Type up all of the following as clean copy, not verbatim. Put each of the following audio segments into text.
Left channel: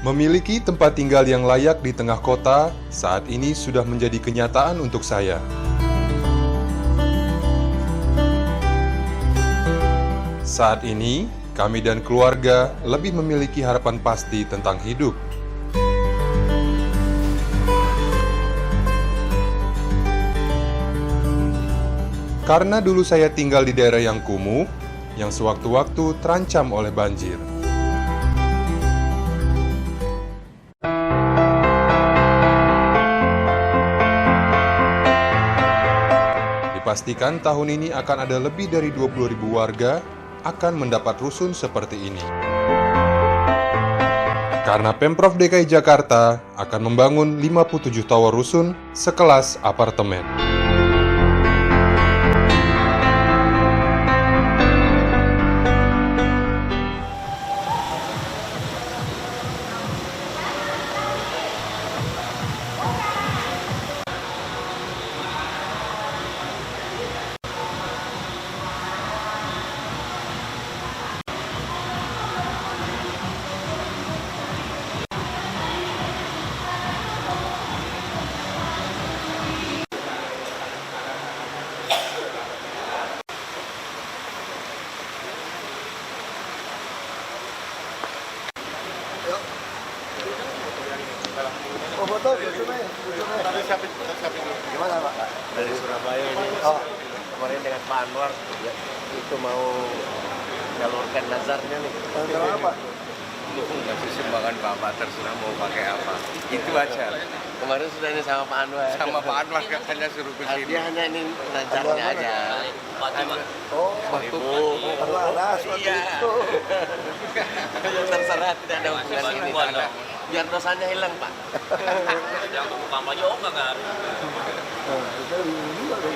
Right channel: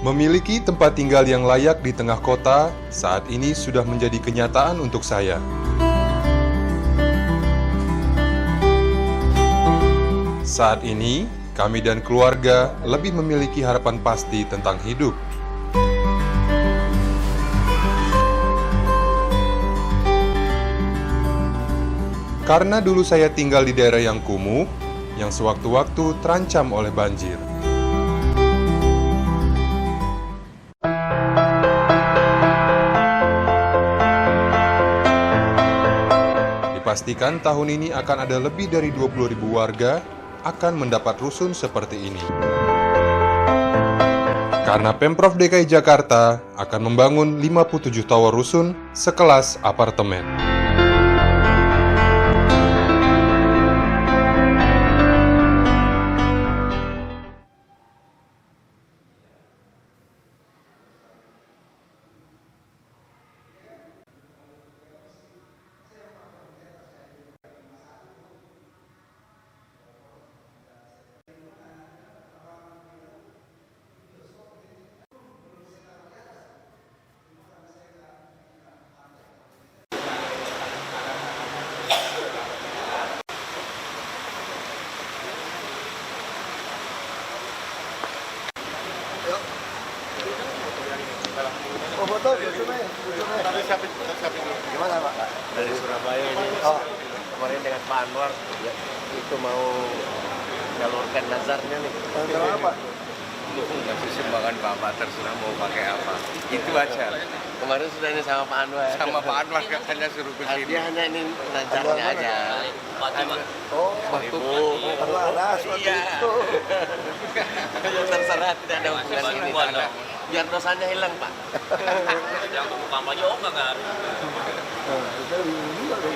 Memiliki tempat tinggal yang layak di tengah kota saat ini sudah menjadi kenyataan untuk saya. Saat ini, kami dan keluarga lebih memiliki harapan pasti tentang hidup. Karena dulu saya tinggal di daerah yang kumuh, yang sewaktu-waktu terancam oleh banjir. Dipastikan tahun ini akan ada lebih dari 20.000 warga akan mendapat rusun seperti ini. Karena Pemprov DKI Jakarta akan membangun 57 tower rusun sekelas apartemen. Oh, foto, gimana Pak? Dari Surabaya ini. Oh, Kemarin dengan Pak Anwar ya, itu mau nyalurkan nazarnya nih. kalau apa? Lu ngasih sumbangan Bapak terserah mau pakai apa. Itu aja. Kemarin sudah ini sama Pak Anwar. Sama Pak Anwar katanya suruh ke sini. Dia hanya ini nazarnya aja. Oh, Ibu. kalau ada suatu itu. Terserah tidak ada hubungan ini. Biar dosanya hilang, Pak. Yang untuk kampanye oh nggak harus. Kita bingung juga dong.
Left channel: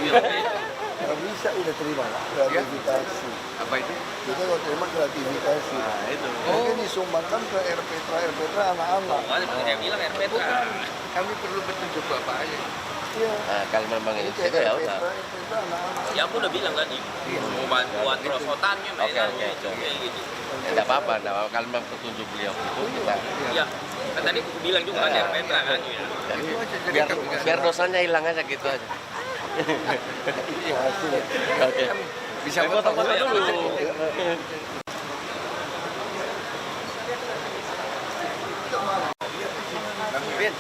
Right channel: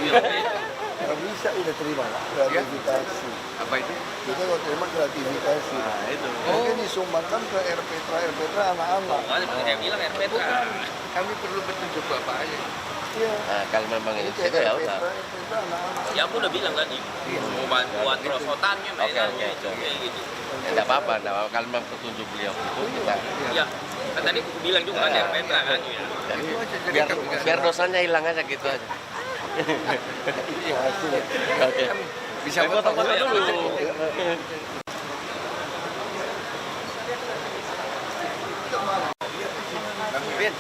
Nggak bisa udah terima lah, gratifikasi. Apa itu? Kita kalau terima gratifikasi. Nah, itu. Mungkin disumbangkan ke RPTRA anak-anak. Makanya saya bilang RPT. Kami perlu petunjuk Bapak aja. Iya. Nah, kalau memang Ini itu kayak ya udah. RPTRA anak-anak. Ya aku udah bilang tadi. Mau bantuan perosotannya, Oke, mainannya, oke. kayak gitu. Tidak apa-apa, kalau memang petunjuk beliau itu kita. Ya, kan tadi aku bilang juga kan RPT kan. Jadi biar dosanya hilang aja gitu aja. Iya, hasil. Oke. Bisa foto-foto dulu. Bin.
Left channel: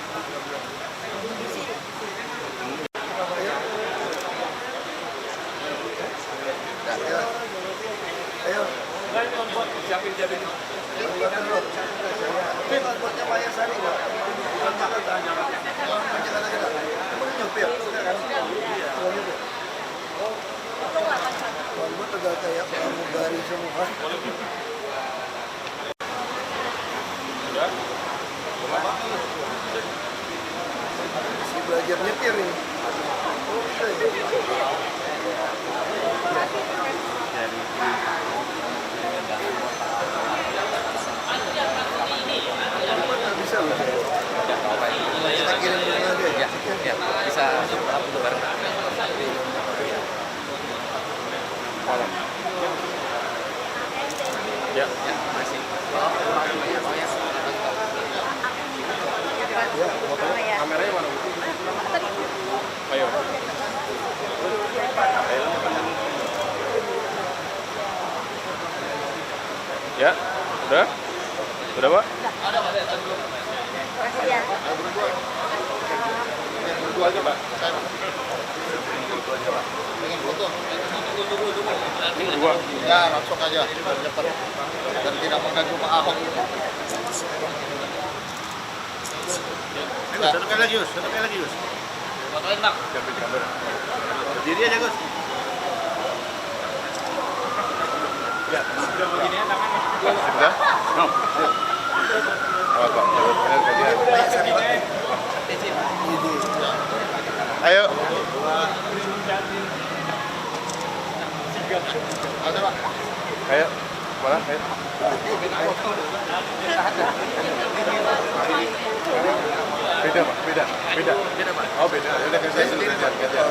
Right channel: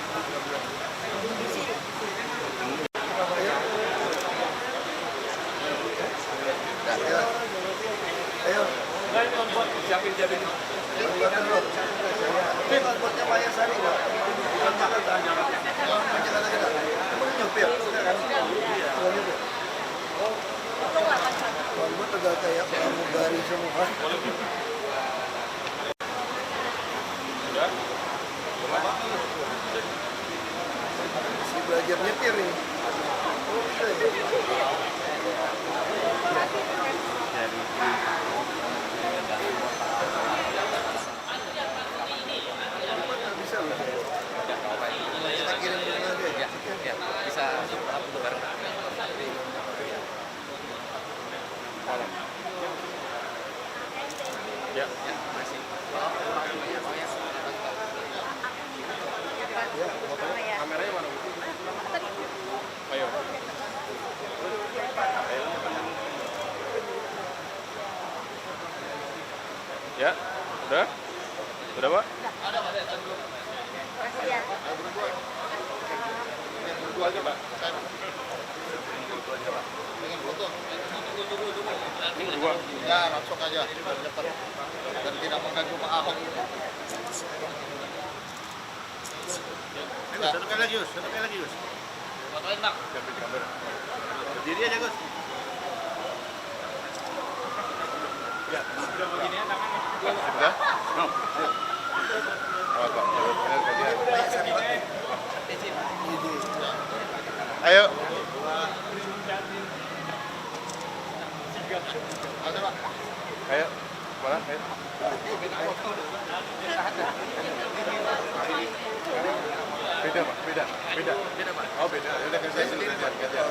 Ayo. Siapin. Buatnya Maya Sari nggak? Bukan Jakarta. Bukan Jakarta kita. Emang nyopir? Kan? Bukan nyopir. Kalau buat agak kayak pramugari semua. Si belajar nyetir ini. Oke. Bisa loh. Kita kirim dulu aja. Ya, bisa bareng. Ya, masih. Kameranya mana? Ayo. Ya, udah? Udah, Pak? Berdua aja, Pak. Pengen foto? Dua. Ya, langsung aja. Cepat. Dan tidak mengganggu Pak Ahok. Satu lagi, Yus. Fotoin bang. Siapin kamera. Berdiri aja, Gus. Ya, sudah begini ya tangannya. Sudah? No. Apa? Ayo. Ada Pak. Ayo. Mana? Ayo. Beda, Pak. Beda, Pak. Oh, beda. Ya udah gantian dulu, gantian.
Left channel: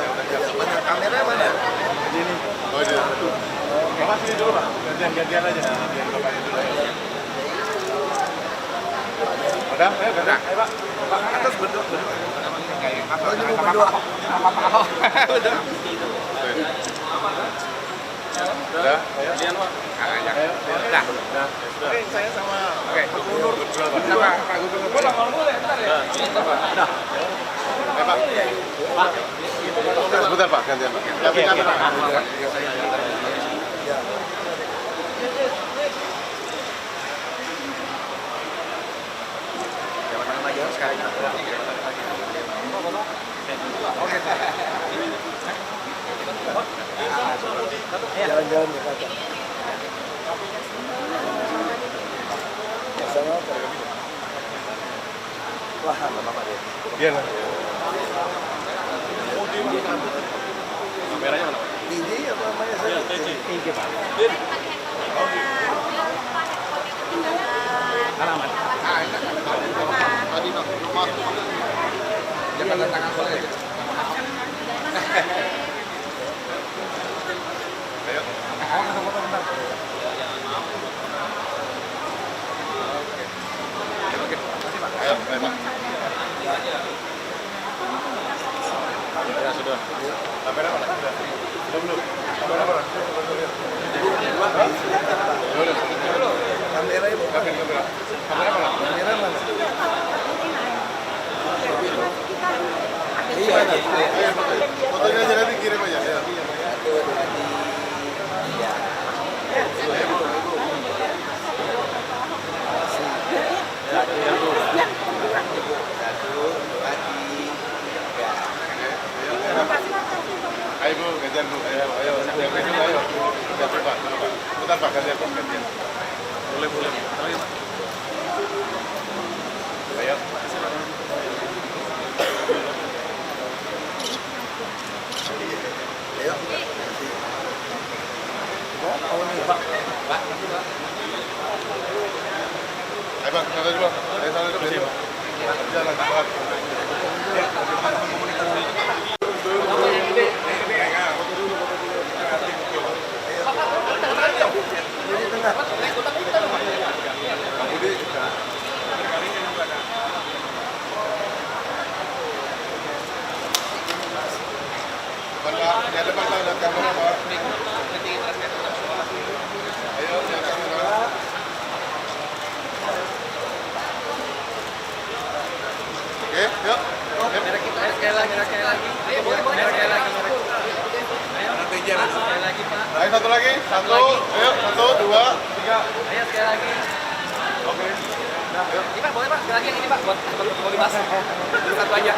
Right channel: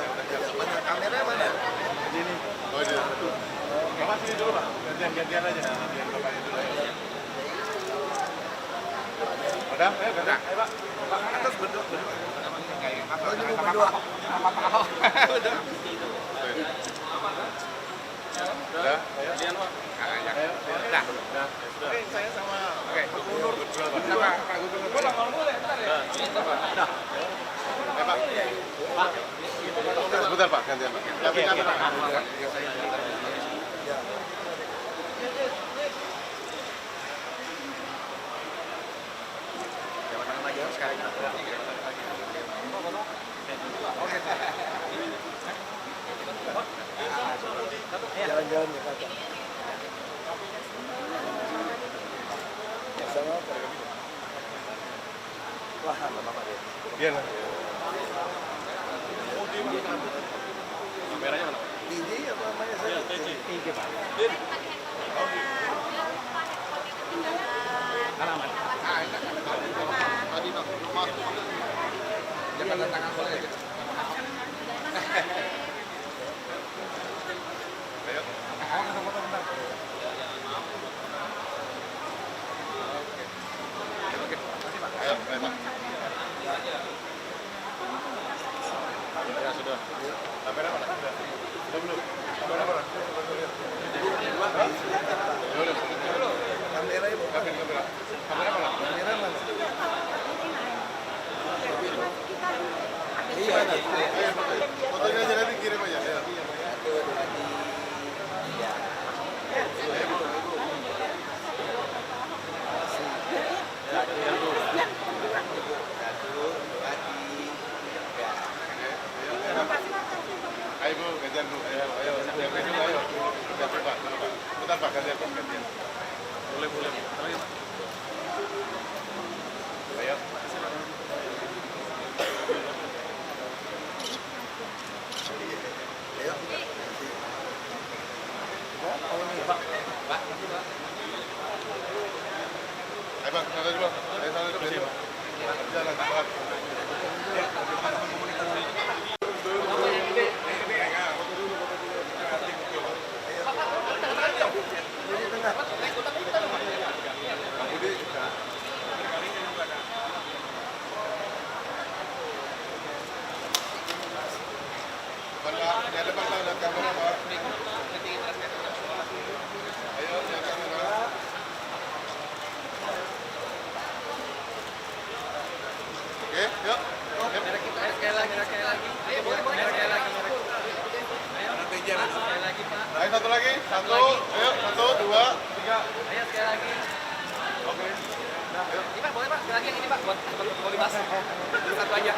Mana kameranya mana? Ini. Oh, ini. Bapak sini dulu, Pak. Gantian aja. Biar Bapak dulu. Udah, udah. Ayo, Pak. Atas berdua. Oh, ini mau berdua. Udah. Udah, ayo. Udah. Oke, saya sama. Oke, Gubernur berdua, Pak. Sama Pak Gubernur. Udah. Ayo, Pak. Pak. Sebentar, Pak, gantian, Pak. Oke, Pak. Jalan-jalan ya kakak. Sama apa? Wah, apa dia? Iya, nah. DJ apa namanya saya? TJ, Pak. Jangan tangan boleh. Ayo. Oke. Ayo, Pak. Ya sudah. Kamera mana? Sudah belum? Kamera mana? Kamera ibu. Kamera mana? Kamera mana? Iya. Fotonya aja nanti kirim aja. Ya. Ayo Bu, gantian Bu. Ayo. Gantian Pak. Bentar Pak, gantian. Boleh. Ayo. Ayo. Oh, ini Pak. Ayo Pak, sana dulu. Jalan, Pak. Jadi tengah. Di depan Pak, lihat kamera Pak. Ayo, lihat kamera. Oke, yuk. Sekali lagi. Ayo, boleh. Ayo satu lagi. Satu. Ayo, 1, 2, 3. Ayo, sekali lagi. Oke. Ini Pak, boleh Pak, sekali lagi yang ini Pak, buat mau dibahas. Satu aja.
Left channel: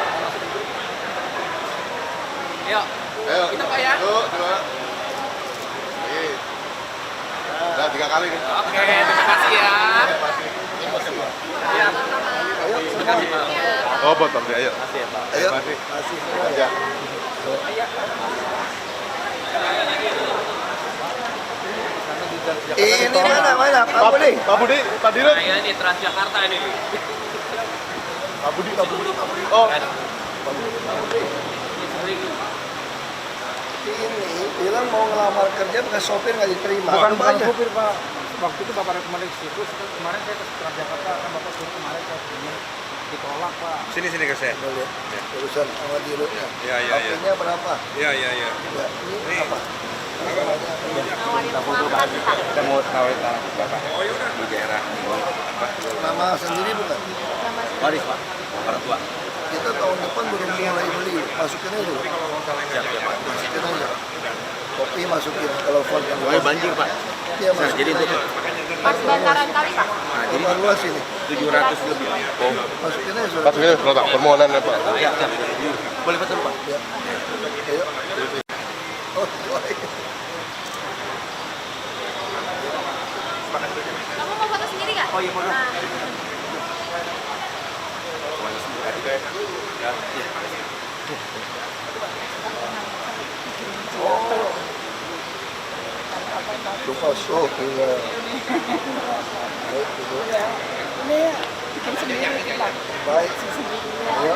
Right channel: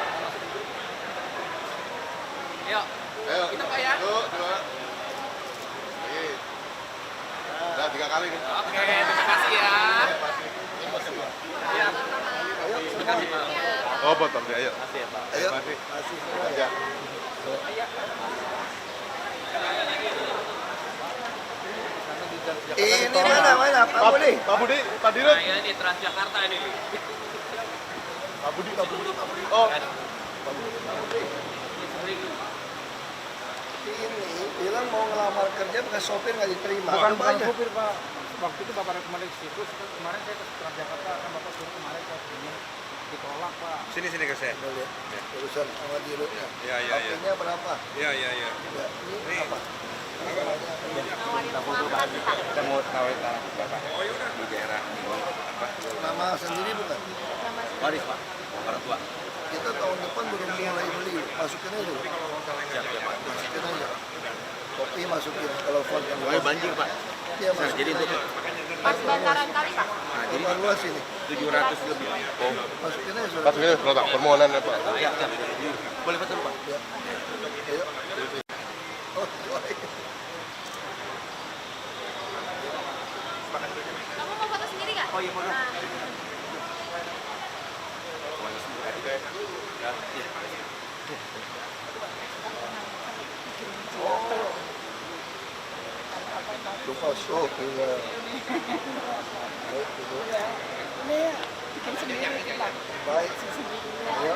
Yuk. Ayo. Kita Pak ya. 1, 2. Oke. Udah 3 kali nih. Oke, terima kasih ya. Iya. Terima kasih Pak. Oh, potong dia, ayo. Ayo. Masih. Masih. Ya. Ini mana? Pak Budi. Pak Budi, Pak Dirut. Nah, ini Transjakarta ini. Pak Budi. Oh, Ini bilang mau ngelamar kerja bekas sopir nggak diterima. Bukan Banyak. sopir Pak. Waktu itu Bapak rekomendasi ke situ, kemarin saya ke Transjakarta, kan Bapak suruh kemarin saya begini, ditolak Pak. sini ke saya. Boleh ya. Urusan sama dirutnya. Iya. Harganya berapa? Iya. Ya, ini apa? Kita mau tawarin tanah Bapak di daerah Nama sendiri bukan? waris Pak, orang tua. Kita tahun depan belum mulai beli. Masukin aja dulu. Masukin aja. Kopi masukin. Kalau font yang Oh, banjir Pak. Iya masukin. Jadi itu Pas bantaran kali Pak. nah, jadi Rumah luas ini. 700 lebih. Oh, Masukin aja surat. Pak Sugeng, surat permohonan ya Pak. ya. Boleh betul Pak. Ya. Ayo. Oh, baik. Kamu mau foto sendiri nggak? Oh iya, foto. Nah. Lupa sok. Iya. Baik, Ibu. Baik. Ayo.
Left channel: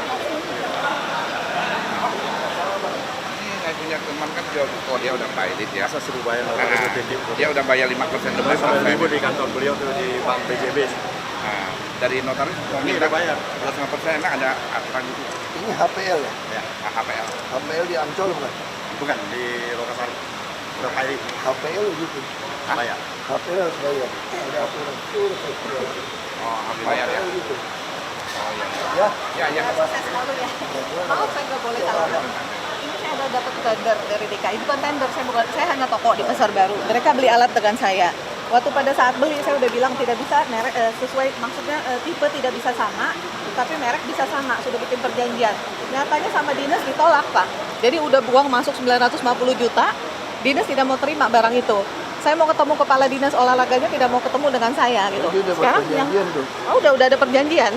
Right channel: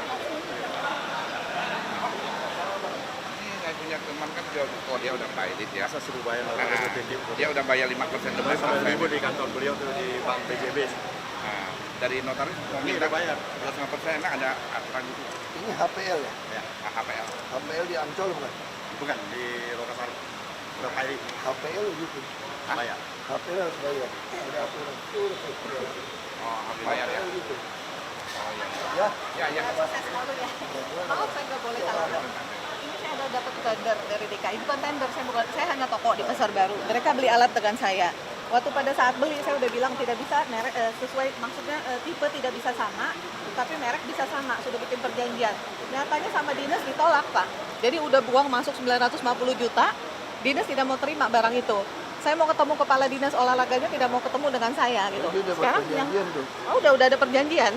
Saya punya teman kan jual buku, dia udah bayar ya. Masa suruh bayar Dia udah bayar 5% lebih. sama ibu di kantor beliau tuh di Bank BJB. Nah, dari notaris mau minta bayar 2,5%, enak ada aturan gitu. Ini HPL ya? Ya, HPL. HPL di Ancol bukan? Bukan di Lokasari. Berapa HPL gitu. bayar? HPL harus bayar. Ada aturan. Oh, harus bayar ya. HPL gitu. Oh iya. Ya? Ya, ya. Sukses selalu ya. Maaf saya nggak boleh kalah. Ini saya ada dapat tender dari DKI. Bukan tender, saya hanya toko di Pasar Baru. Mereka beli alat dengan saya. Waktu pada saat beli saya udah bilang tidak bisa merek sesuai, maksudnya tipe tidak bisa sama, tapi merek bisa sama. Sudah bikin perjanjian. Nyatanya sama dinas ditolak Pak. Jadi udah buang masuk 950 juta. Dinas tidak mau terima barang itu. Saya mau ketemu kepala dinas olahraganya tidak mau ketemu dengan saya gitu. Sekarang yang udah ada perjanjian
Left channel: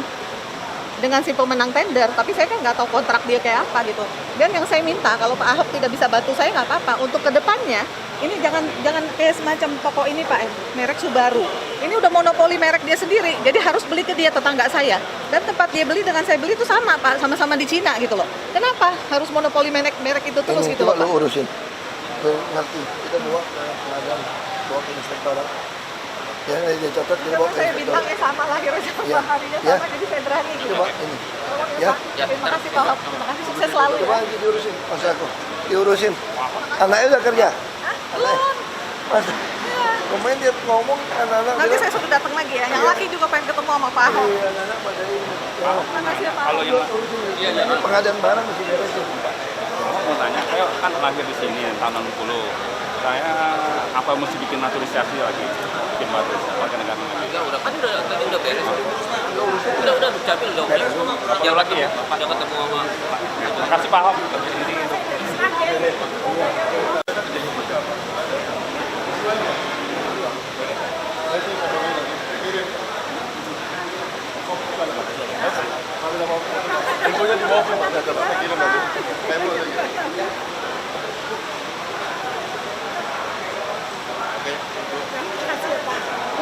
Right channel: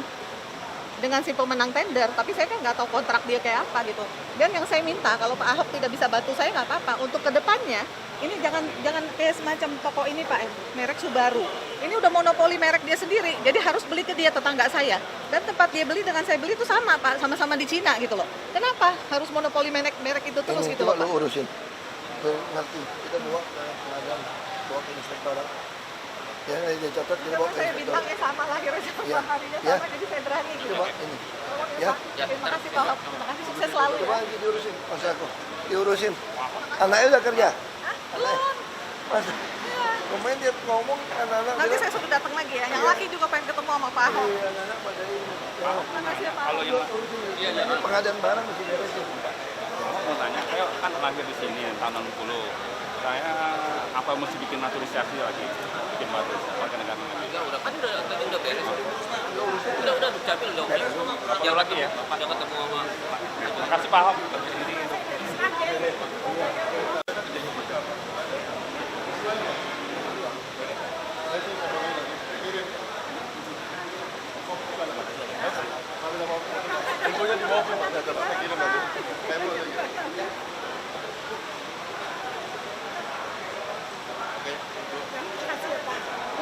dengan si pemenang tender, tapi saya kan nggak tahu kontrak dia kayak apa gitu. Dan yang saya minta kalau Pak Ahok tidak bisa bantu saya nggak apa-apa. Untuk kedepannya ini jangan kayak semacam toko ini Pak, merek Subaru. Ini udah monopoli merek dia sendiri, jadi harus beli ke dia tetangga saya. Dan tempat dia beli dengan saya beli itu sama Pak, sama-sama di Cina gitu loh. Kenapa harus monopoli merek itu terus gitu loh Pak? Lo urusin. Lo ngerti, kita bawa ke pengadilan, bawa ke inspektorat. Ya, dia catat, kita bawa ke Saya inspektorat. bintangnya sama, lahirnya sama, harinya Ya. sama, jadi saya berani gitu. Coba ini. Ya. Terima kasih Pak Ahok, terima kasih, sukses selalu Coba ya. nanti diurusin, Mas aku. Diurusin. Anaknya udah kerja? Belum. Mas, kemarin dia ngomong anak-anak Nanti bilang, saya suruh datang lagi ya. Yang laki juga pengen ketemu sama Pak Ahok. "Iya, anak-anak pada ini." Ya, Terima kasih ya Pak Ahok. ini pengadaan barang mesti beresin. Mau tanya, saya kan lahir di sini tahun 60. Saya apa mesti bikin naturalisasi lagi? Bikin naturalisasi warga negara lagi. Udah kan tadi udah beres. Udah capil udah oke. Jauh lagi ya? Udah ketemu sama Terima kasih Pak Ahok. Ini untuk Infonya di bawah, Pak. Saya kirim nanti. Memo saja.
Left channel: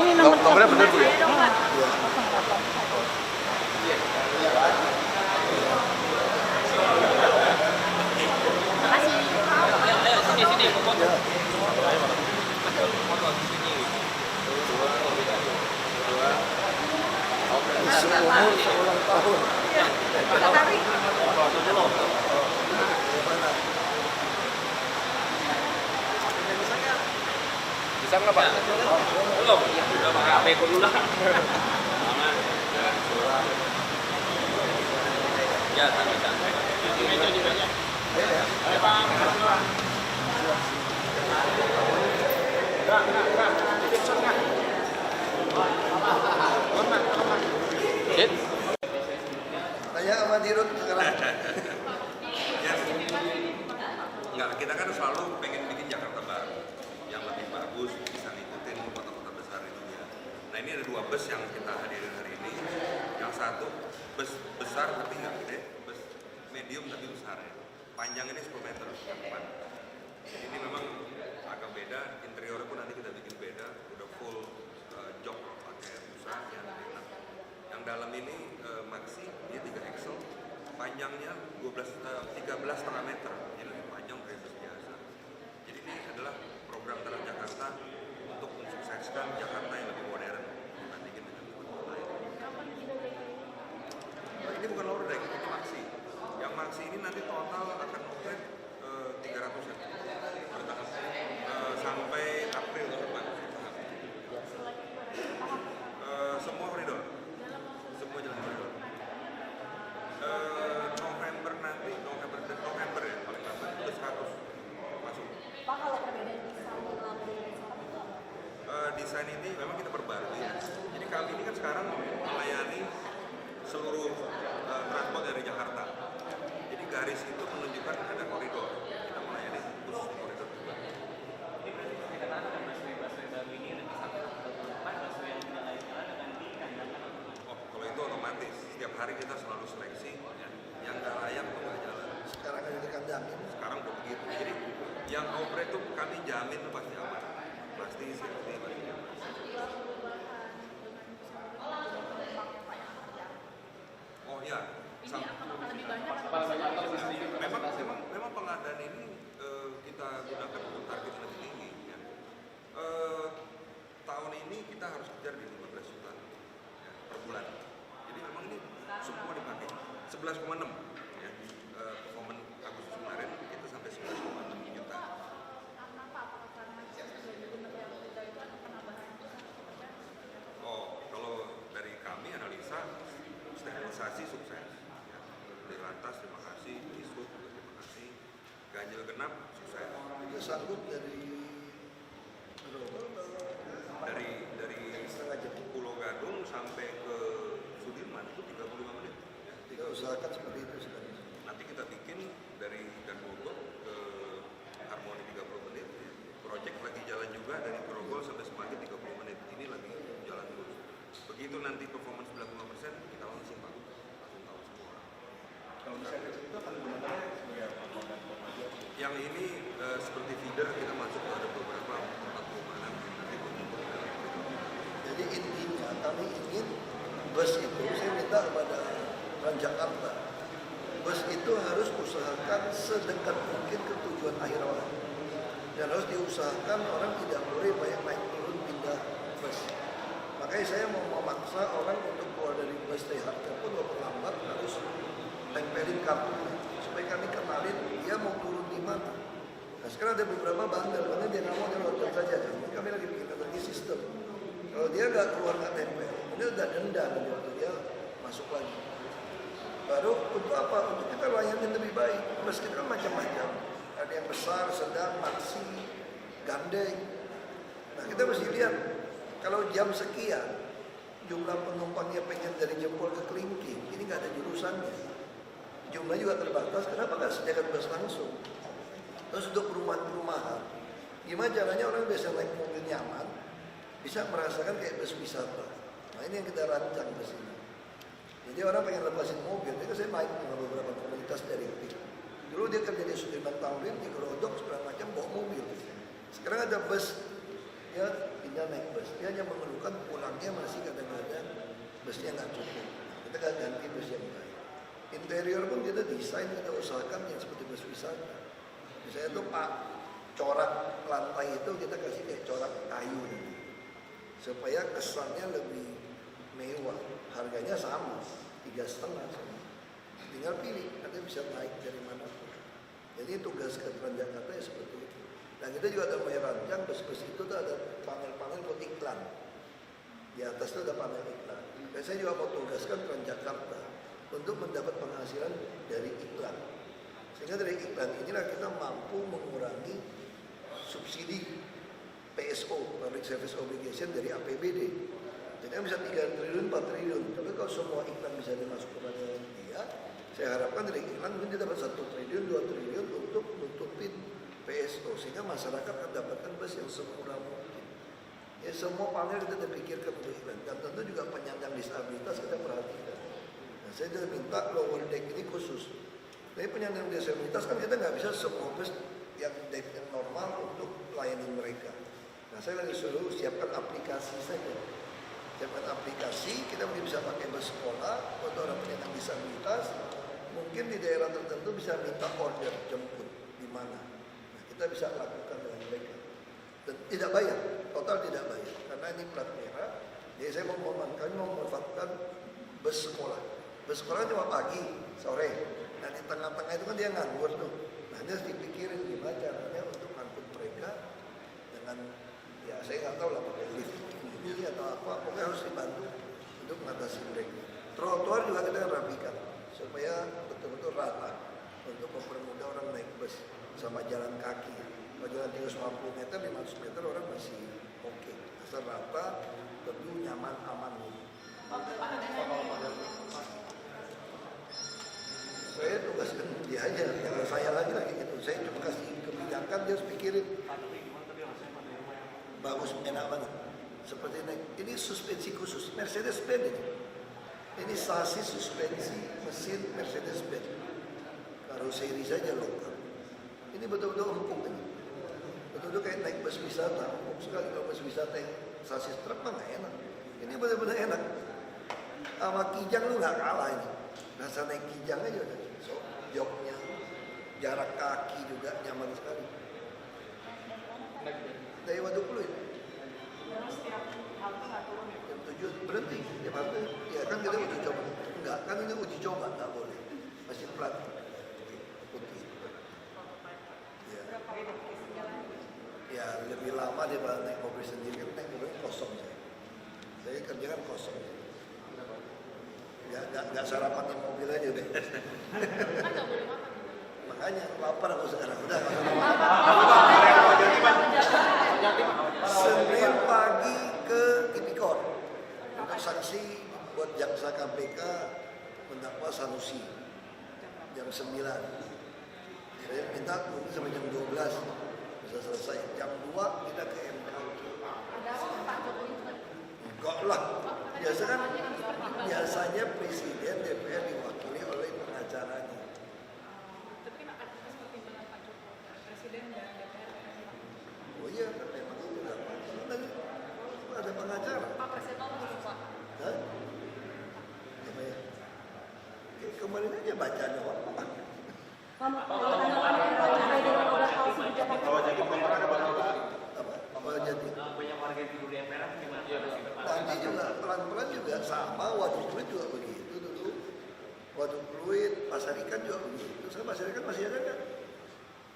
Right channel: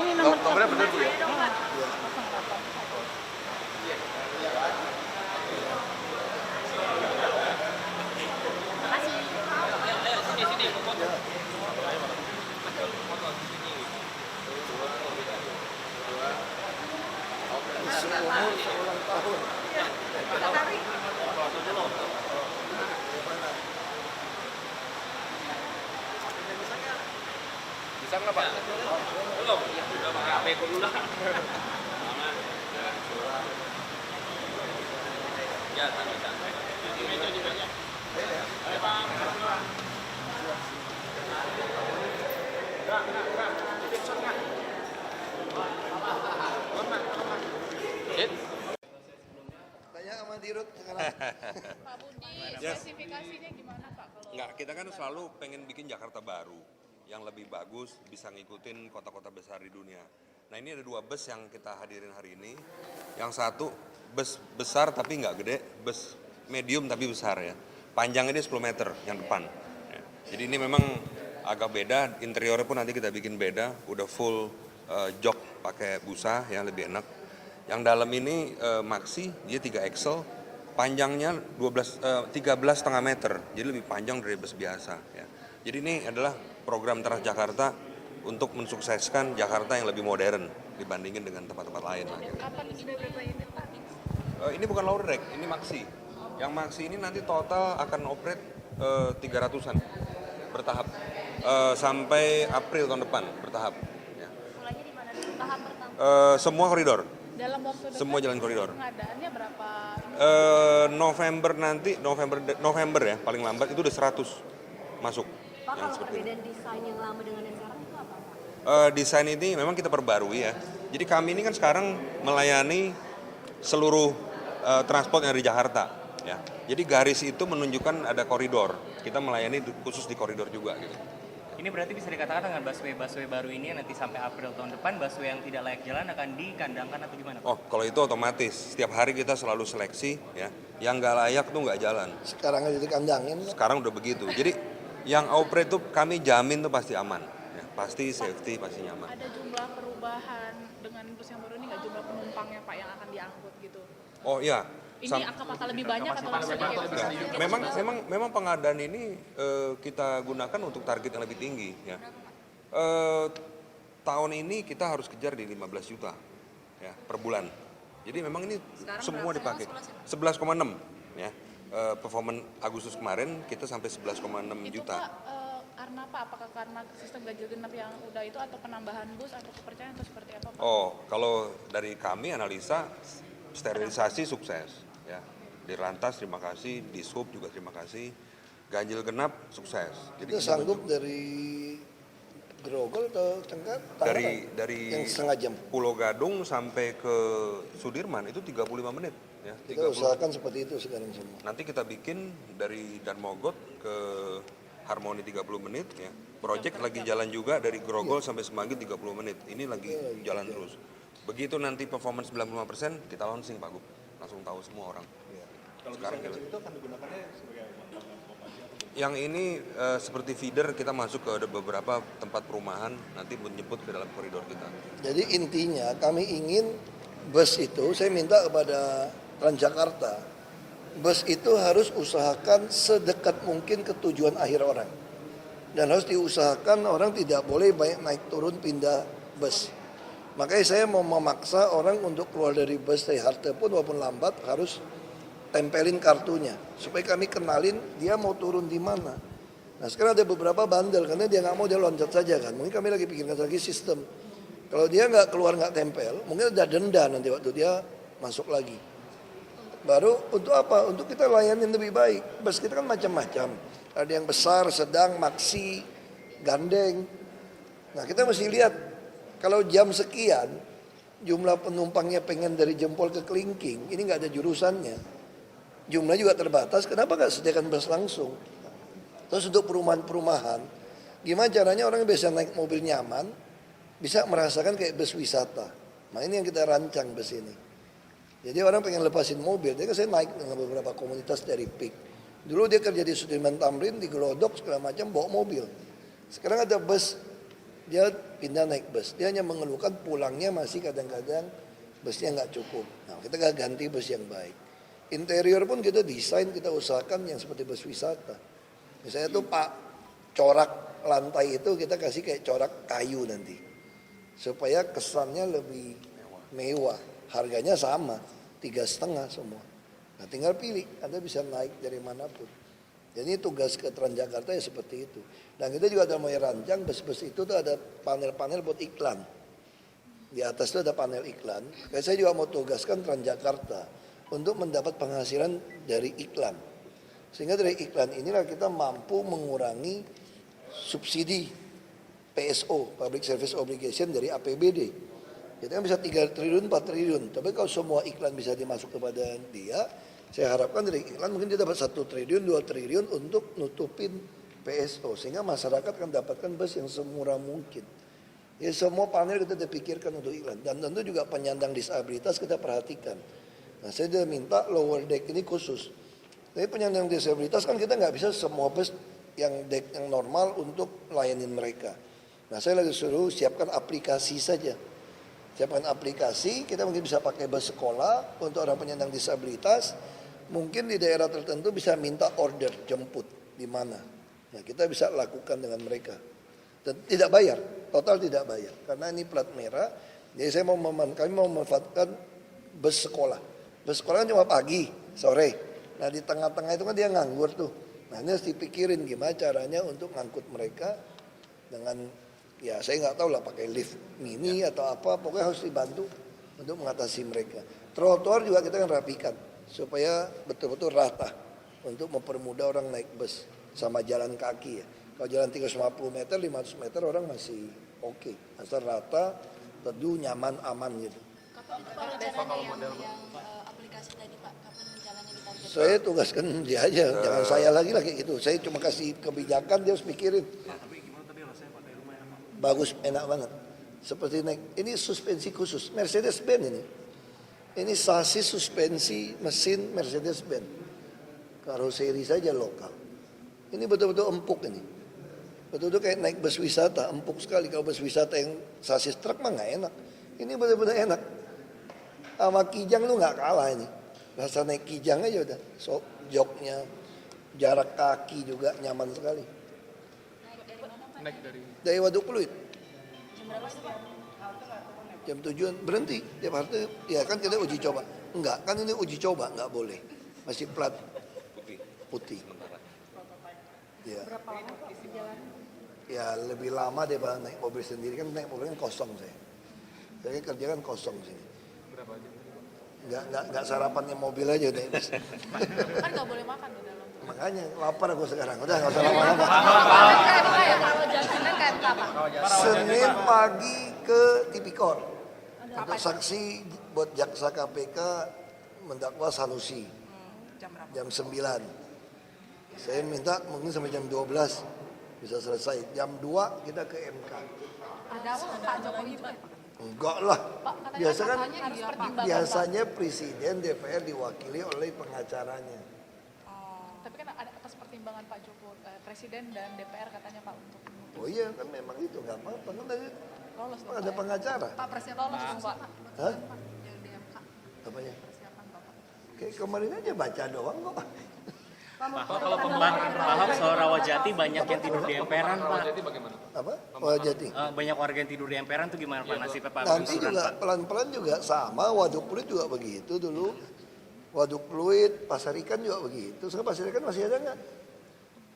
Ini Nomornya benar Bu ya? sini foto. Seumur seorang tahun. Bisa nggak Pak? Belum. Udah pakai HP dulu lah. Ya, santai-santai. Di meja. Ayo Pak. Tanya sama Dirut sekarang. Enggak, kita kan selalu pengen bikin Jakarta baru yang lebih bagus, bisa ngikutin kota-kota besar itu ya. Nah ini ada 2 bus yang kita hadirin hari ini. Yang satu bus besar tapi nggak gede, bus medium tapi besar ya. Panjang ini 10 meter yang depan. Ya. Jadi ini memang agak beda, interiornya pun nanti kita bikin beda, udah full jok pakai busa ya, lebih enak. Yang dalam ini maxi, dia 3 axle, panjangnya 13,5 meter, jadi lebih panjang dari bus biasa. Ya. Jadi ini adalah program Transjakarta untuk mensukseskan Jakarta yang lebih modern dibandingin dengan tempat-tempat lain. Ini bukan lower deck, ini maxi. Yang maxi ini nanti total akan operate 300-an bertahap sampai April tahun depan bertahap. Ya. Semua koridor. Semua jalan koridor. November nanti, November ya paling lambat itu udah 100 masuk. Pak, kalau beda desain yang lama dengan yang sekarang itu apa? Desain ini memang kita perbarui ya. Jadi kami ini kan sekarang melayani seluruh transport yang dari Jakarta. Ya. Jadi garis itu menunjukkan ada koridor. Kita melayani khusus di koridor juga. Gitu. Ini berarti bisa dikatakan dengan busway baru ini nanti sampai April tahun depan busway yang tidak layak jalan akan dikandangkan atau gimana? Oh, kalau itu otomatis. Setiap hari kita selalu seleksi ya. Yang nggak layak tuh nggak jalan. Sekarang aja dikandangin. Sekarang udah begitu. Jadi yang operate tuh kami jamin tuh pasti aman. Ya, pasti safety, pasti nyaman. Ada jumlah perubahan dengan bus yang baru ini nggak, jumlah penumpangnya Pak yang akan diangkut gitu? Oh iya. Ini apakah lebih banyak atau masih Memang pengadaan ini kita gunakan untuk target yang lebih tinggi ya. Tahun ini kita harus kejar di 15 juta. ya per bulan. Jadi memang ini semua dipakai. 11,6 ya. Performance Agustus kemarin kita sampai 11,6 Itu juta. Pak, karena apa? Apakah karena sistem ganjil genap yang udah itu atau penambahan bus atau kepercayaan atau seperti apa Pak? Oh, kalau dari kami analisa sterilisasi sukses ya. Di Lantas terima kasih, di Sub juga terima kasih. Ganjil genap sukses. Jadi Kita sanggup dari Grogol atau Tenggar? dari yang setengah jam. Pulau Gadung sampai ke Sudirman itu 35 menit ya. Kita usahakan seperti itu sekarang semua. Nanti kita bikin dari Darmogot ke Harmoni 30 menit ya. Project lagi jalan juga dari Grogol sampai Semanggi 30 menit. Ini lagi jalan terus. Begitu nanti performance 95% kita launching Pak Gub. Langsung tahu semua orang. Sekarang gitu. Yang ini seperti feeder kita masuk ke beberapa tempat perumahan nanti menjemput ke dalam koridor kita. Jadi intinya kami ingin bus itu, saya minta kepada Transjakarta, bus itu harus usahakan sedekat mungkin ke tujuan akhir orang. Dan harus diusahakan orang tidak boleh banyak naik turun pindah bus. Makanya saya mau memaksa orang untuk keluar dari bus dari halte pun walaupun lambat harus tempelin kartunya supaya kami kenalin dia mau turun di mana. Nah sekarang ada beberapa bandel karena dia nggak mau, dia loncat saja kan. Mungkin kami lagi pikirkan lagi sistem. Kalau dia nggak keluar nggak tempel, mungkin ada denda nanti waktu dia masuk lagi. Baru untuk apa? Untuk kita layanin lebih baik. Bus kita kan macam-macam. Ada yang besar, sedang, maksi, gandeng. Nah kita mesti lihat kalau jam sekian jumlah penumpangnya pengen dari Jempol ke Kelingking, ini nggak ada jurusannya. Jumlah juga terbatas, kenapa nggak sediakan bus langsung? Terus untuk perumahan-perumahan, gimana caranya orang bisa naik mobil nyaman, bisa merasakan kayak bus wisata. Nah ini yang kita rancang bus ini. Jadi orang pengen lepasin mobil, jadi saya naik dengan beberapa komunitas dari PIK. Dulu dia kerja di Sudirman Tamrin, di Glodok, segala macam, bawa mobil. Sekarang ada bus, dia pindah naik bus. Dia hanya mengeluhkan pulangnya masih kadang-kadang busnya nggak cukup. Nah, kita ganti bus yang baik. Interior pun kita desain, kita usahakan yang seperti bus wisata. Misalnya tuh Pak, corak lantai itu kita kasih kayak corak kayu nanti. Supaya kesannya lebih mewah. Harganya sama, 3,5 semua. Nah tinggal pilih, Anda bisa naik dari manapun. Jadi tugas ke Transjakarta ya seperti itu. Dan kita juga udah mulai rancang, bus-bus itu tuh ada panel-panel buat iklan. Di atas itu ada panel iklan. Dan saya juga mau tugaskan Transjakarta untuk mendapat penghasilan dari iklan. Sehingga dari iklan inilah kita mampu mengurangi subsidi PSO, Public Service Obligation dari APBD. Jadi bisa 3 triliun, 4 triliun. Tapi kalau semua iklan bisa dimasuk kepada dia, saya harapkan dari iklan mungkin dia dapat 1 triliun, 2 triliun untuk nutupin PSO. Sehingga masyarakat akan dapatkan bus yang semurah mungkin. Jadi semua panel kita dipikirkan untuk iklan. Dan tentu juga penyandang disabilitas kita perhatikan. Nah saya sudah minta lower deck ini khusus. Tapi penyandang disabilitas kan kita nggak bisa semua bus yang deck yang normal untuk layanin mereka. Nah saya lagi suruh siapkan aplikasi saja. Siapkan aplikasi, kita mungkin bisa pakai bus sekolah untuk orang penyandang disabilitas. Mungkin di daerah tertentu bisa minta order jemput di mana. Nah kita bisa lakukan dengan mereka. Dan tidak bayar, total tidak bayar. Karena ini plat merah, jadi kami mau memanfaatkan bus sekolah. Bus sekolah cuma pagi, sore. Nah di tengah-tengah itu kan dia nganggur tuh. Nah ini harus dipikirin gimana caranya untuk ngangkut mereka dengan, ya saya nggak tahu lah pakai lift mini atau apa, pokoknya harus dibantu untuk mengatasi mereka. Trotoar juga kita kan rapikan supaya betul-betul rata untuk mempermudah orang naik bus sama jalan kaki ya. Kalau jalan 350 meter, 500 meter orang masih oke. Asal rata, teduh, nyaman, aman gitu. Saya tugaskan dia aja, jangan saya lagi gitu. Saya cuma kasih kebijakan, dia harus pikirin. Bagus, enak banget. Seperti naik, ini suspensi khusus, Mercedes-Benz ini. Ini sasis suspensi mesin Mercedes-Benz. Karoseri saja lokal. Ini betul-betul empuk ini. Betul-betul kayak naik bus wisata, empuk sekali. Kalau bus wisata yang sasis truk mah nggak enak. Ini betul-betul enak. Sama Kijang lu nggak kalah ini. Rasa naik Kijang aja udah. So, joknya, jarak kaki juga nyaman sekali. Dari Waduk Pluit. Jam 7 berhenti. Tiap hari ya kan kita uji coba. Enggak, kan ini uji coba, nggak boleh. Masih plat putih. Ya. Ya lebih lama daripada naik mobil sendiri, kan naik mobil kosong saya. Saya kerja kan kosong sini. Nggak sarapannya mobil aja nih. Kan nggak boleh makan di dalam. Makanya lapar aku sekarang. Udah nggak usah lama-lama. Senin pagi ke Tipikor untuk saksi buat jaksa KPK mendakwa Sanusi jam 9. Saya minta mungkin sampai jam 12 bisa selesai. Jam 2 kita ke MK. Enggak lah. Biasanya presiden DPR diwakili oleh pengacaranya. Tapi kan ada atas pertimbangan Pak Jokowi, Presiden dan DPR katanya Pak untuk. Oh iya kan memang itu nggak apa-apa. Kan ada pengacara. Pak Presiden lolos Pak. Hah? Apa ya? Kayak kemarin aja baca doang apa? Pak, kalau paham soal Rawajati banyak yang tidur di emperan, Pak. Apa? Rawajati. Banyak warga yang tidur di emperan tuh gimana Pak nasibnya Pak? Nanti juga pelan-pelan juga sama. Waduk Pluit juga begitu dulu. Waduk Pluit, Pasar Ikan juga begitu. Sekarang Pasar Ikan masih ada nggak?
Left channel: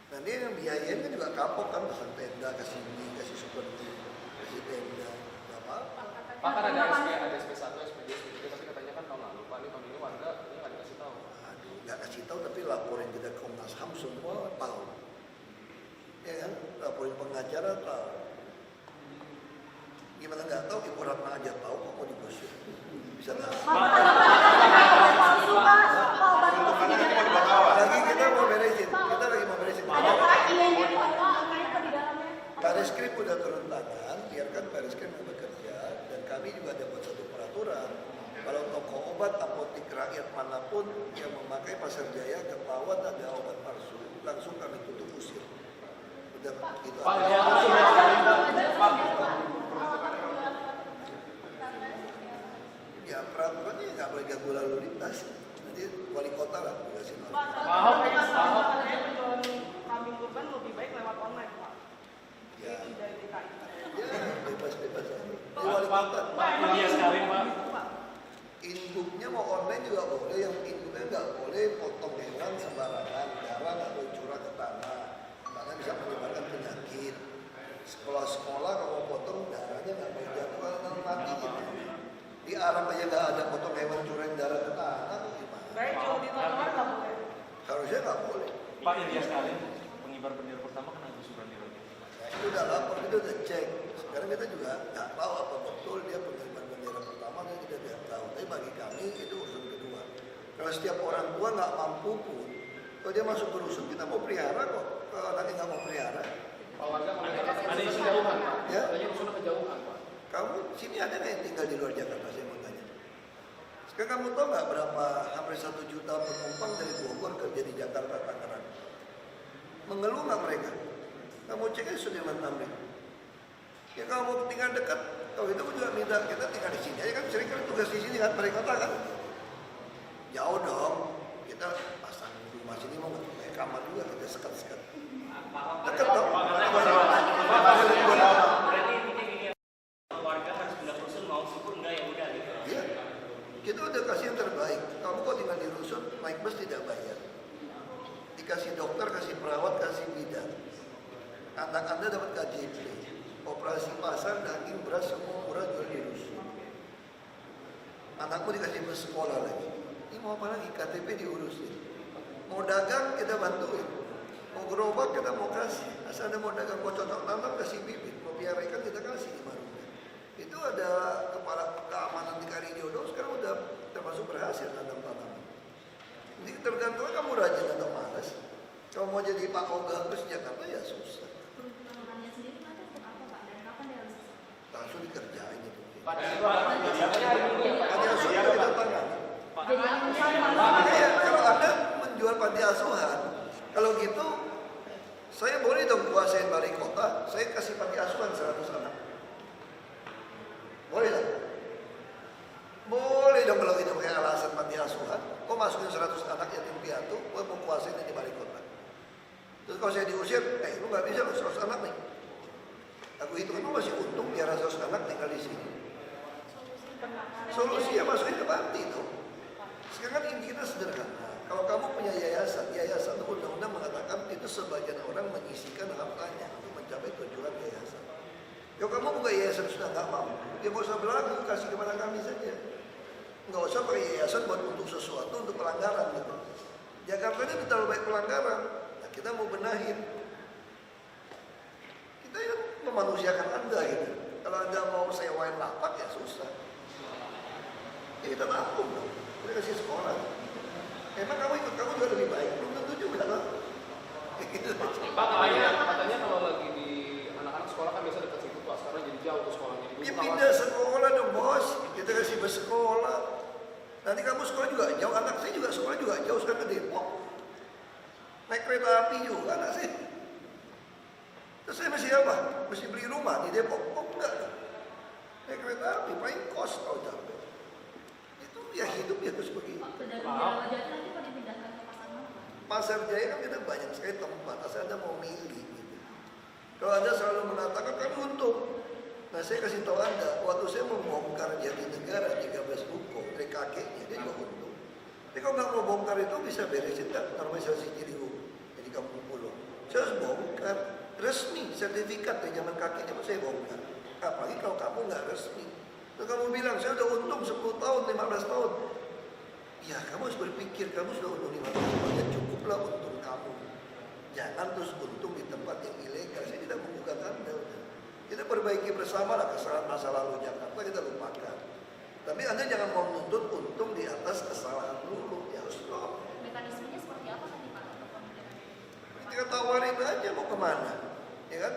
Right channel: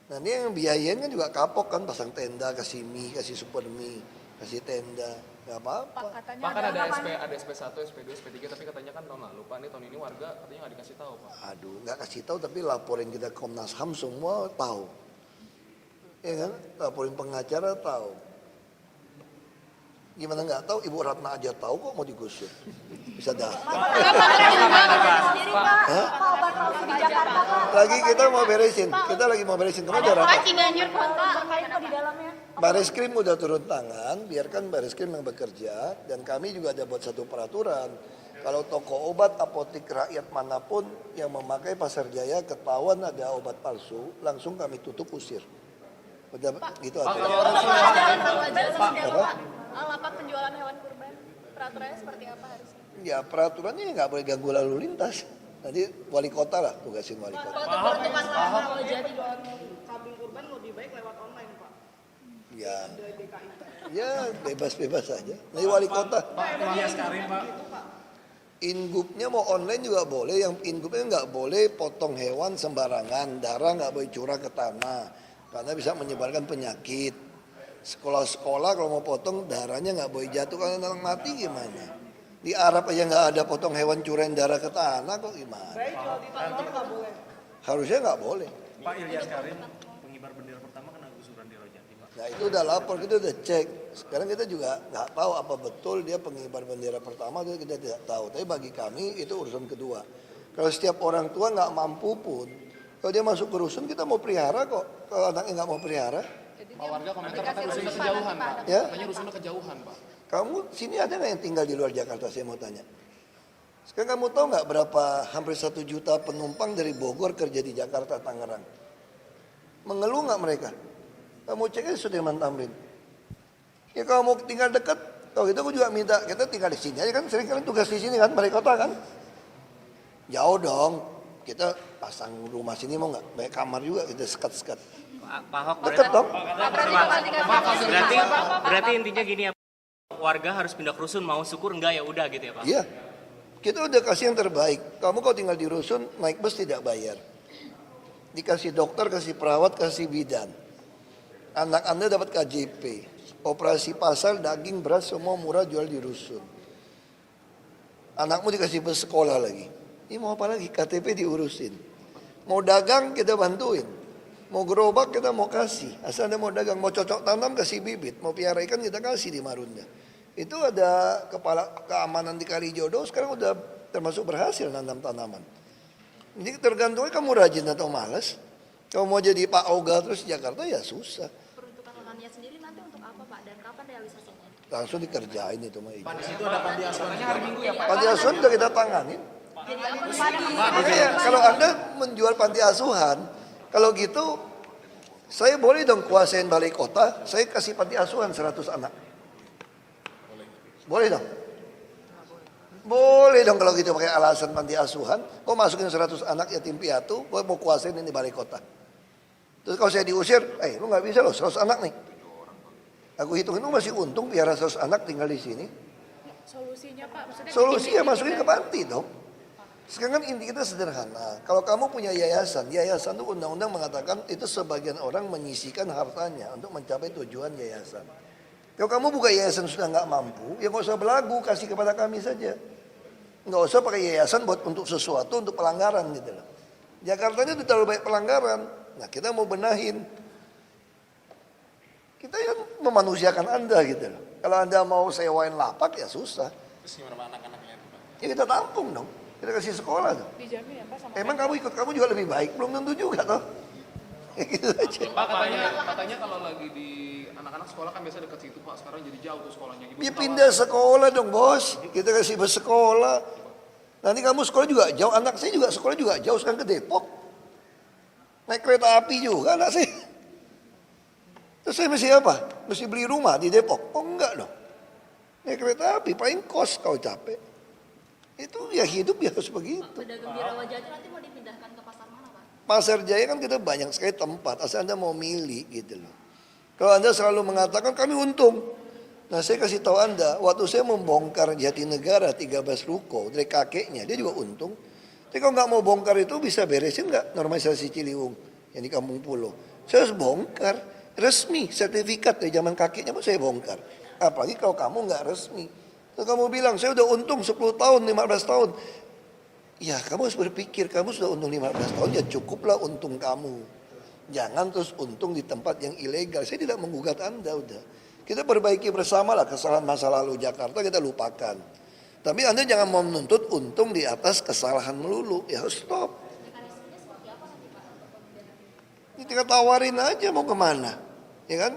Nah ini yang biayain kan juga kapok kan, pasang tenda, kasih mie, kasih super mie, kasih tenda, nggak apa-apa. Pak kan ada SP1, SP2, SP3, tapi katanya kan tahun lalu, Pak ini tahun ini warga ini nggak dikasih tahu. Aduh, nggak kasih tahu tapi laporin kita Komnas HAM semua tahu. Ya kan, laporin pengacara tahu. Gimana nggak tahu? Ibu Ratna aja tahu kok mau digusur. Bisa dah. Lagi kita mau beresin, kita lagi mau beresin. Baris Krim udah turun tangan, biarkan Baris Krim yang bekerja, dan kami juga ada buat satu peraturan. Kalau toko obat, apotek rakyat manapun yang memakai Pasar Jaya ketahuan ada obat palsu, langsung kami tutup usir. Udah gitu aja. Peraturannya seperti apa? Ya peraturannya nggak boleh ganggu lalu lintas. Nanti wali kota lah tugasin wali kota. Kalau jadi kambing kurban lebih baik lewat online Pak. Ya bebas-bebas aja. Nanti wali kota. Ingupnya mau online juga boleh. Yang ingupnya nggak boleh potong hewan sembarangan. Darah nggak boleh curah ke tanah. Karena bisa menyebarkan penyakit. Sekolah-sekolah kalau mau potong darahnya nggak boleh jatuh. Kalau orang mati gimana? Di Arab aja nggak ada potong hewan curain darah ke tanah kok gimana? Baik kalau di Taiwan nggak boleh. Harusnya nggak boleh. Pak Ilyas Karim, pengibar bendera pertama kan harus berarti Rawajati. Nah itu udah lapor, kita udah cek. Sekarang kita juga nggak tahu apa betul dia pengibar bendera pertama atau kita tidak tahu. Tapi bagi kami itu urusan kedua. Kalau setiap orang tua nggak mampu pun, kalau dia masuk ke rusun kita mau pelihara kok. Kalau anaknya nggak mau pelihara, Warga komentar katanya rusunnya kejauhan Pak. ya. Katanya rusunnya kejauhan Pak. Kamu sini ada nggak yang tinggal di luar Jakarta? Saya mau tanya. Sekarang kamu tahu nggak berapa hampir 1 juta penumpang dari Bogor kerja di Jakarta, Tangerang? Mengeluh nggak mereka? Kamu cek aja Sudirman Tamrin. Ya kalau mau tinggal dekat, kalau gitu aku juga minta kita tinggal di sini aja kan. Sering kali tugas di sini kan, balai kota kan. Jauh dong. Kita pasang rumah sini mau nggak? Banyak kamar juga kita sekat-sekat. Pak Ahok, Dekat dong. berarti intinya gini ya, warga harus pindah ke rusun, mau syukur enggak ya udah gitu ya Pak? Iya. Kita udah kasih yang terbaik. Kamu kalau tinggal di rusun, naik bus tidak bayar. Dikasih dokter, kasih perawat, kasih bidan. Anak Anda dapat KJP. Operasi pasar, daging, beras, semua murah jual di rusun. Anakmu dikasih bus sekolah lagi. Ini mau apa lagi? KTP diurusin. Mau dagang, kita bantuin. Mau gerobak, kita mau kasih. Asal Anda mau dagang, mau cocok tanam, kasih bibit. Mau piara ikan, kita kasih di Marunda. Itu ada kepala keamanan di Kalijodo, sekarang udah termasuk berhasil nanam tanaman. Jadi tergantung kamu rajin atau malas. Kalau mau jadi Pak Oga terus di Jakarta ya susah. Peruntukannya sendiri nanti untuk apa Pak dan kapan realisasinya? Langsung dikerjain itu mah. Pak di situ ada panti asuhannya hari Minggu ya Pak. Panti asuhan udah kita tangani. Makanya kalau Anda menjual panti asuhan, kalau gitu saya boleh dong kuasain balai kota, saya kasih panti asuhan 100 anak. Boleh dong? Boleh dong kalau gitu pakai alasan panti asuhan. Kok masukin 100 anak yatim piatu, kok mau kuasain ini balai kota. Terus kalau saya diusir, lu nggak bisa loh 100 anak nih. Aku hitung itu masih untung piara 100 anak tinggal di sini. solusinya Pak? Maksudnya Solusinya masukin ke panti dong. Sekarang kan inti kita sederhana. Kalau kamu punya yayasan, yayasan itu undang-undang mengatakan itu sebagian orang menyisikan hartanya untuk mencapai tujuan yayasan. Kalau kamu buka yayasan sudah nggak mampu, ya nggak usah berlagu, kasih kepada kami saja. Nggak usah pakai yayasan buat untuk sesuatu, untuk pelanggaran gitu loh. Jakarta ini terlalu banyak pelanggaran. Nah kita mau benahin. Kita yang memanusiakan Anda gitu loh. Kalau Anda mau sewain lapak ya susah. Ya kita tampung dong. Kita kasih sekolah. Emang kamu ikut, kamu juga lebih baik, belum tentu juga toh. Gitu aja. Pak katanya kalau lagi di anak-anak sekolah kan biasa dekat situ Pak, sekarang jadi jauh tuh sekolahnya. Ya pindah sekolah dong bos, kita kasih bus sekolah. Nanti kamu sekolah juga jauh, anak saya juga sekolah juga jauh, sekarang ke Depok. Naik kereta api juga anak saya. Terus saya mesti apa? Mesti beli rumah di Depok? Oh enggak dong. Naik kereta api, paling kos kalau capek. Itu ya hidup ya harus begitu. Pasar Jaya kan kita banyak sekali tempat, asal Anda mau milih gitu loh. Kalau Anda selalu mengatakan kami untung. Nah saya kasih tahu Anda, waktu saya membongkar Jatinegara 13 ruko dari kakeknya, dia juga untung. Tapi kalau nggak mau bongkar itu bisa beresin nggak normalisasi Ciliwung yang di Kampung Pulau. Saya harus bongkar, resmi, sertifikat dari zaman kakeknya pun saya bongkar. Apalagi kalau kamu nggak resmi. Kalau kamu bilang saya udah untung 10 tahun, 15 tahun. Ya kamu harus berpikir, kamu sudah untung 15 tahun, ya cukuplah untung kamu. Jangan terus untung di tempat yang ilegal. Saya tidak menggugat Anda udah. Kita perbaiki bersama lah kesalahan masa lalu Jakarta, kita lupakan. Tapi Anda jangan mau menuntut untung di atas kesalahan melulu. Ya harus stop. Mekanismenya seperti apa nanti Pak? Kita tawarin aja mau kemana. Ya kan?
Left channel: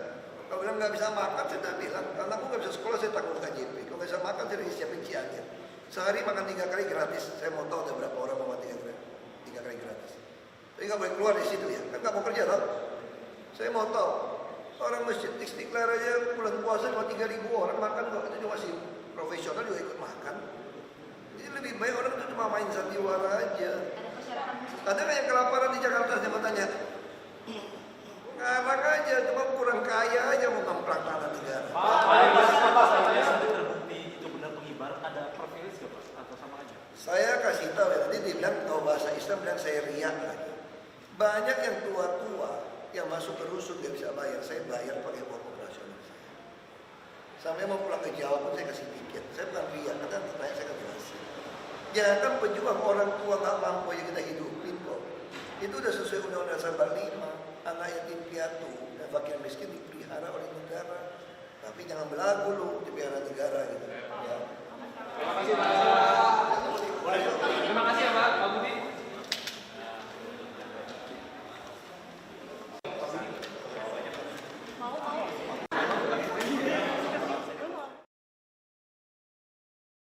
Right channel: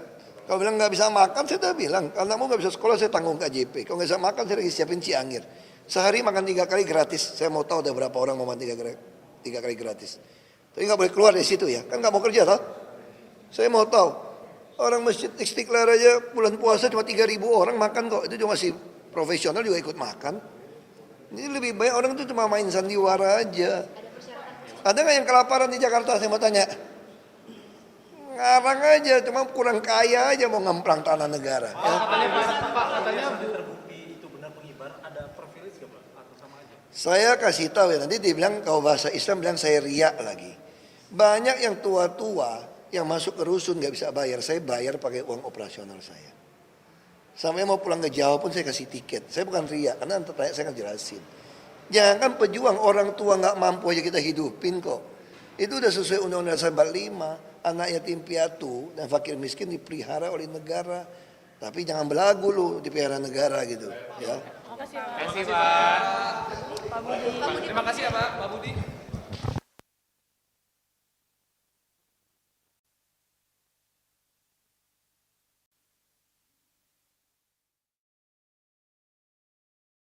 Kalau bilang nggak bisa makan, saya udah bilang. Kalau kamu nggak bisa sekolah, saya tanggung KJP. Kalau nggak bisa makan, saya lagi siapin Cianjur. Sehari makan 3 kali gratis. Saya mau tahu ada berapa orang mau makan 3 kali gratis. Tapi nggak boleh keluar dari situ ya. Kan nggak mau kerja tau? Saya mau tahu. Orang Masjid Istiqlal aja bulan puasa cuma 3.000 orang makan kok. Itu cuma si profesional juga ikut makan. Jadi lebih banyak orang itu cuma main sandiwara aja. Ada nggak yang kelaparan di Jakarta? Saya mau tanya. Ngarang aja, cuma kurang kaya aja mau ngemplang tanah negara. Ya. Saya kasih tahu ya, nanti dia bilang kalau bahasa Islam bilang saya riak lagi. Banyak yang tua-tua yang masuk ke rusun nggak bisa bayar, saya bayar pakai uang operasional saya. Sampai mau pulang ke Jawa pun saya kasih tiket. Saya bukan riak, karena nanti tanya saya akan jelasin. Jangan pejuang orang tua nggak mampu aja kita hidupin kok. Itu udah sesuai Undang-Undang Dasar 45. Anak yatim piatu dan fakir miskin dipelihara oleh negara. Tapi jangan belagu lu dipelihara negara gitu ya. Terima kasih Pak.